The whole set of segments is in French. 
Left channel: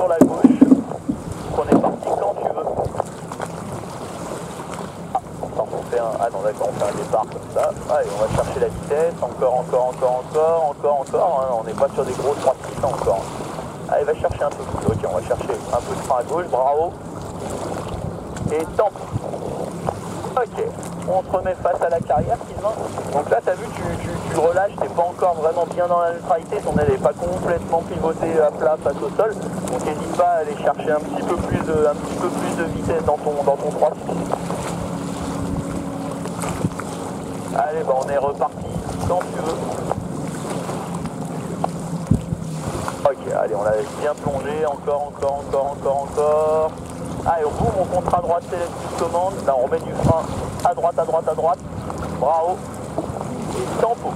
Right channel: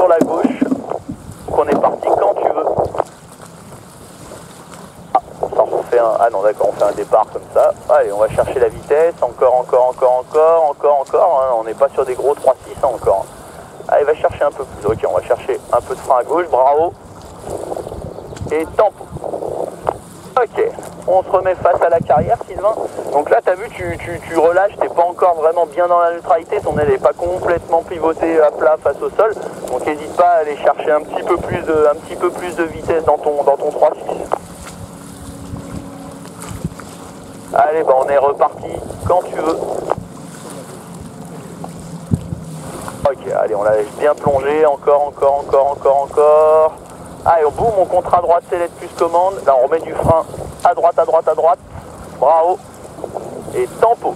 sur la gauche. Donc on est parti quand tu veux. On fait un... Ah non d'accord, on fait un départ comme ça. Allez, on va chercher la vitesse. Encore. Hein. On n'est pas sur des gros 3600 encore. Allez, va chercher un peu plus. Ok, on va chercher un peu de frein à gauche. Bravo. Et temp. Ok, on se remet face à la carrière, Sylvain. Donc là, tu as vu, tu relâches, t'es pas encore vraiment bien dans la neutralité, ton aile n'est pas complètement pivotée à plat face au sol. Donc n'hésite pas à aller chercher un petit peu plus de vitesse dans ton 3-6. Allez, bah on est reparti quand tu veux. Ok, allez, on la laisse bien plonger, encore. Allez, au bout, on contre à droite, select plus commande. Là, on remet du frein à droite. Bravo. Et tempo.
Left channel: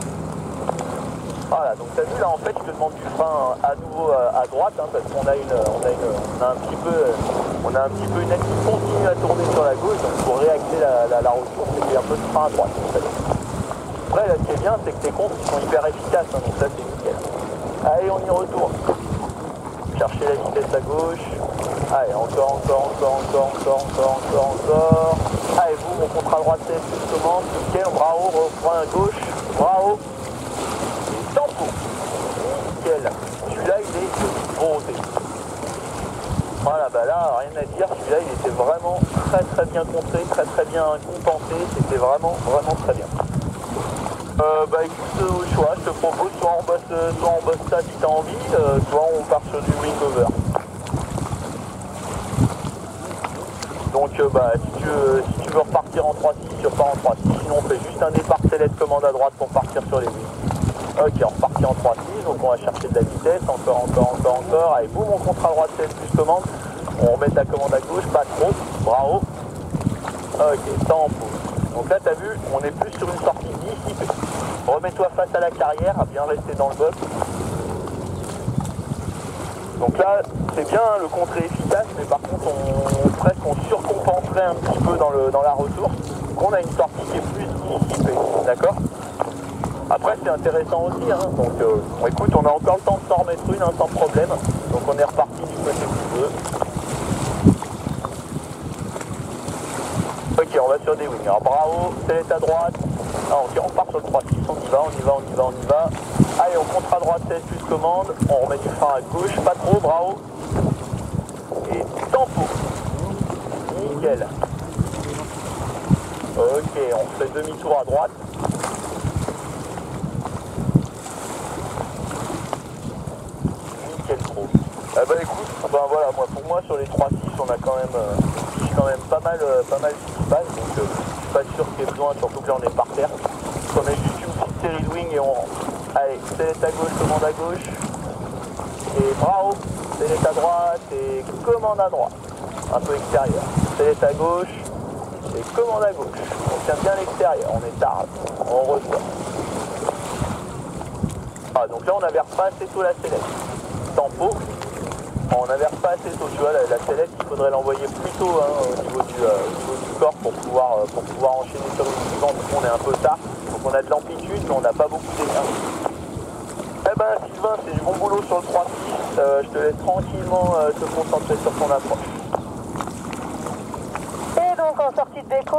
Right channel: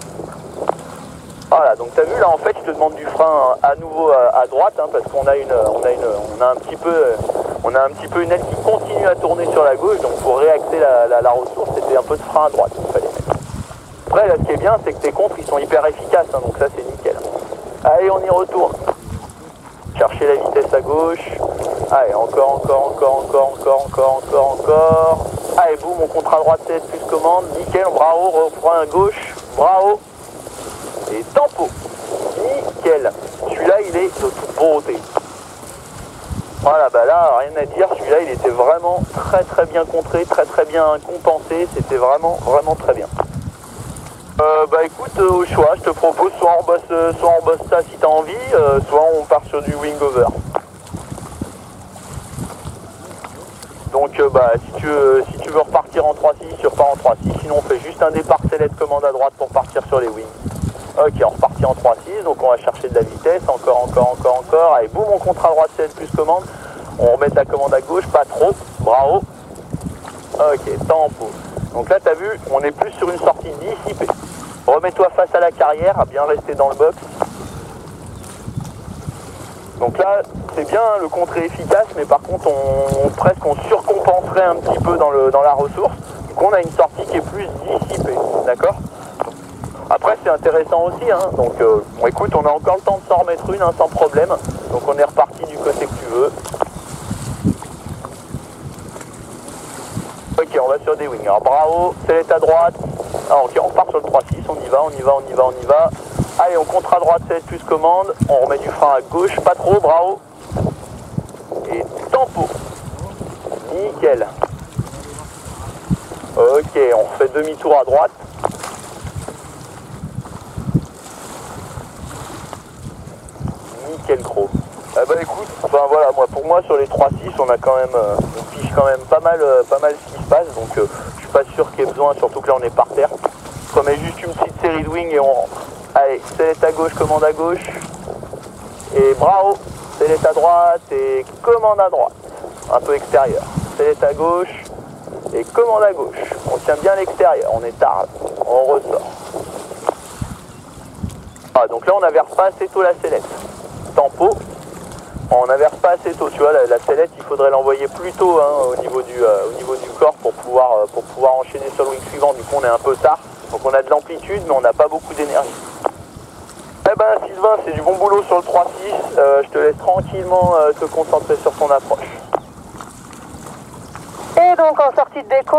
Voilà, donc tu as vu, là, en fait, je te demande du frein à nouveau à droite, hein, parce qu'on a un petit peu une aile qui continue à tourner sur la gauche. Donc, pour réaxer la ressource, c'était un peu de frein à droite. En fait. Après, là, ce qui est bien, c'est que tes contres, ils sont hyper efficaces, hein, donc ça, c'est nickel. Allez, on y retourne. Chercher la vitesse à gauche. Allez, encore. Allez, boum, on contre à droite, CS plus commande. Nickel, bravo, refrein à gauche. Bravo. Et tempo. Nickel. Celui-là, il est de toute beauté. Voilà, bah là, rien à dire. Celui-là, il était vraiment très bien contré, très bien compensé. C'était vraiment très bien. Bah écoute, au choix, je te propose soit on bosse ça si t'as envie, soit on part sur du wing over. Donc bah si tu veux repartir en 3-6, tu repars en 3-6, sinon on fait juste un départ select commande à droite pour partir sur les wings. Ok, on repartit en 3-6, donc on va chercher de la vitesse, encore. Allez, boum, on contre à droite select plus commande, on remet la commande à gauche, pas trop, bravo. Ok, tempo. Donc là, tu as vu, on est plus sur une sortie dissipée. Remets-toi face à la carrière, à bien rester dans le box. Donc là, c'est bien, le contre est efficace, mais par contre, on surcompenserait un petit peu dans la ressource. Donc on a une sortie qui est plus dissipée, d'accord? Après, c'est intéressant aussi, hein. Donc écoute, on a encore le temps de s'en remettre une, hein, sans problème. Donc on est reparti du côté que tu veux. Ok, on va sur des wings. Alors bravo, select à droite. Alors, ok, on part sur le 3-6, on y va. Allez, on contre à droite, select plus commande. On remet du frein à gauche, pas trop, bravo. Et tempo. Nickel. Ok, on fait demi-tour à droite. Nickel trop. Bah écoute, voilà, pour moi sur les 3-6, on a quand même, on fiche quand même pas mal ce qui se passe, donc je suis pas sûr qu'il y ait besoin, surtout que là on est par terre. On met juste une petite série de wing et on rentre. Allez, select à gauche, commande à gauche. Et bravo, select à droite et commande à droite. Un peu extérieur. Select à gauche et commande à gauche. On tient bien l'extérieur, on est tard, on ressort. Ah, donc là on avait pas assez tôt la select. Tempo. On n'inverse pas assez tôt, tu vois, la sellette, il faudrait l'envoyer plus tôt, hein, au niveau du corps pour pouvoir enchaîner sur le wing suivant. Du coup, on est un peu tard, donc on a de l'amplitude, mais on n'a pas beaucoup d'énergie. Eh ben, Sylvain, c'est du bon boulot sur le 3-6. Je te laisse tranquillement te concentrer sur ton approche. Et donc, en sortie de déco,